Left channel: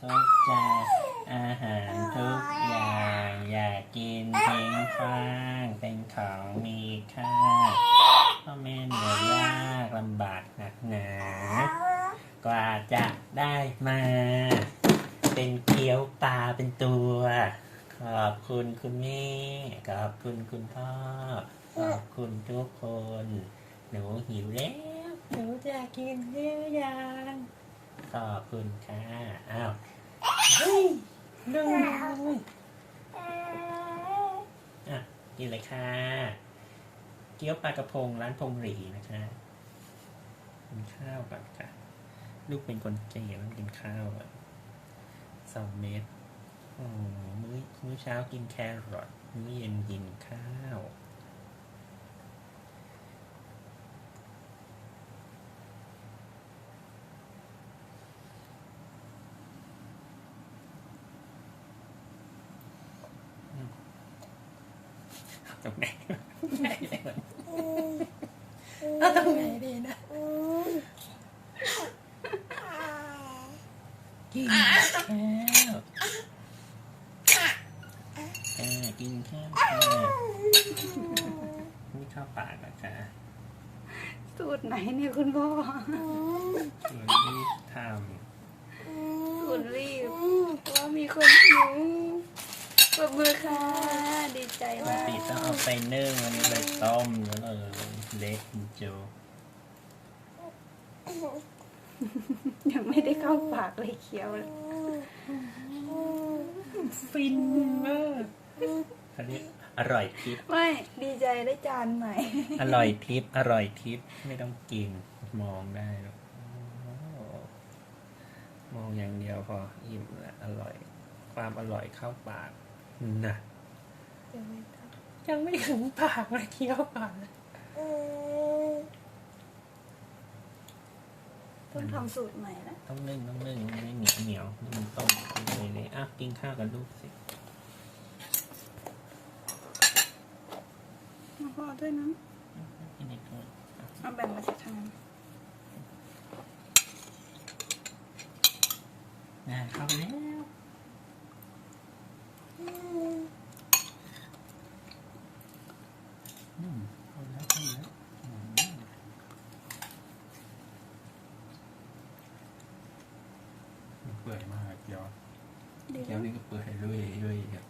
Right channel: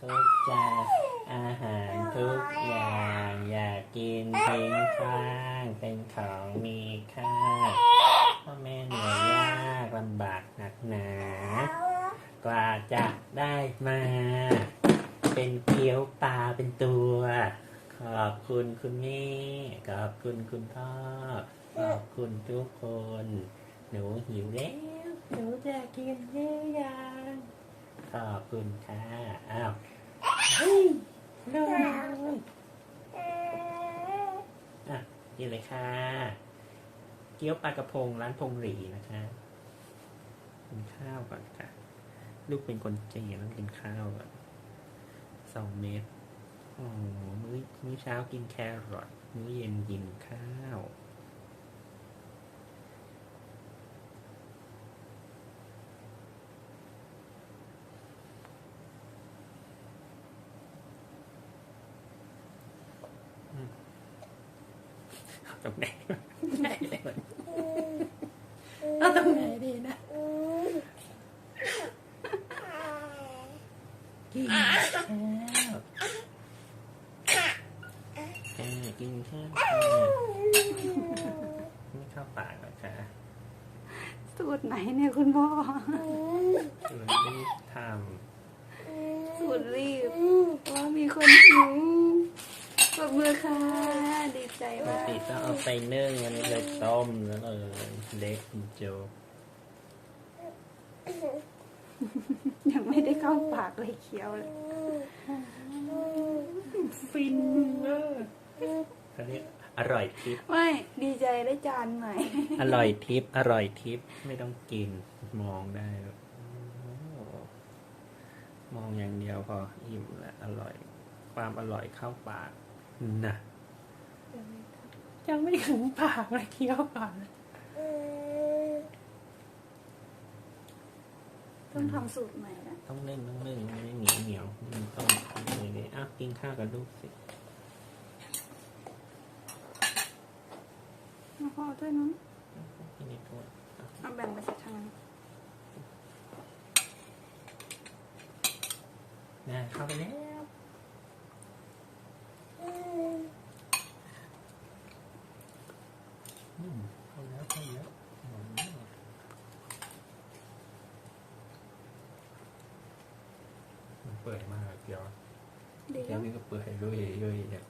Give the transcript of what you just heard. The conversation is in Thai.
ทุกจานอาหารทุกอย่างอย่ากินทิ้งขว้างเป็นของมีค่าพ่อแม่เหนื่อยยากลำบากหนักหนากว่าจะได้มา เป็นเกี๊ยวตาเป็นตัว ขอบคุณคุณแม่ ขอบคุณคุณพ่อ ขอบคุณทุกคน หนูหิวแล้ว หนูจะกินหรือยัง ขอบคุณค่ะอ้าวเฮ้ยดูอะกินเลยค่ะ เกี๊ยวปลากระพงร้านพงหรีนะคะกินข้าวก่อนค่ะ ลูกเป็นคนเจียนกินข้าวก่อนสองเม็ดอืมมื้อมื้อเช้ากินแครอทมื้อเย็นกินข้าว ตรงไหนเอาตรงไหนดีนะกินข้าวเออกินข้าวค่ะไม่เข้าปากอะค่ะสูตรไหนเนี่ยคุณพ่อเออรีบทสูตรรีบว่ามีคนหิว ปรบมือค่ะ ดีใจำปกมากติต้องเอาไปนึ่งอันนี้เลยต้มแล้วเลยเละจริงยังไม่ได้เข้าปากเลยเคี้ยวเลยๆฟินมากอันนี้อร่อยทิพย์ไม่ดีใจได้จานใหม่ อร่อยทิพย์อร่อยทิพย์ไม่ต้องกินมองได้โอ้มองอย่างเดียวพออิ่มละอร่อย ความอร่อยเข้าปาก นะยังไม่ถึงปากเลยเคี้ยวปากนะต้องทำสูตรใหม่แล้วต้องเล่นต้องเล่นมันไม่เหนียวเหนียวมันต้องเลยเลยอะกินข้าวกันลูกสิมาพอด้วยนะอันนี้ก็เอาแบ่งมาจากทางนั้นแม่เข้าไปแล้วอืมเข้าแล้ว เข้าแล้วอืมมันเปื่อยมากเดี๋ยวดีแก้วพี่ก็เปื่อยลุยลุยเนี่ย